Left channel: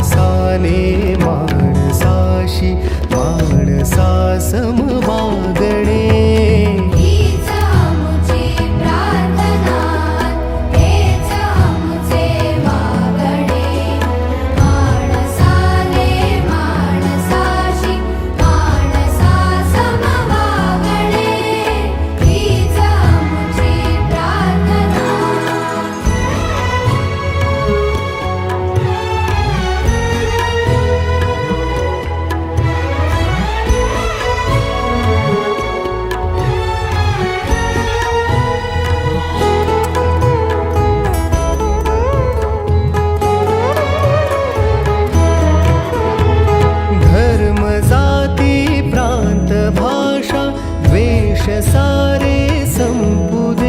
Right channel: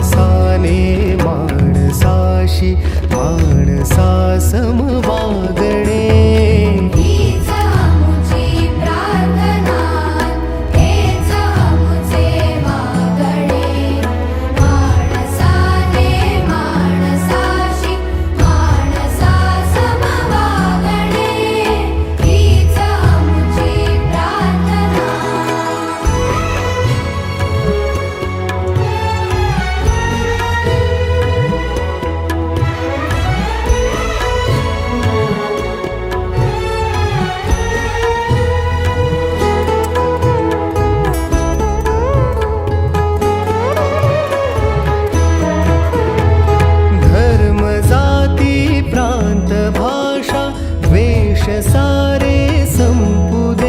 माणसाने माणसाशी माणसा सम वागणे. जाती प्रांत भाषा द्वेष सारे संपुद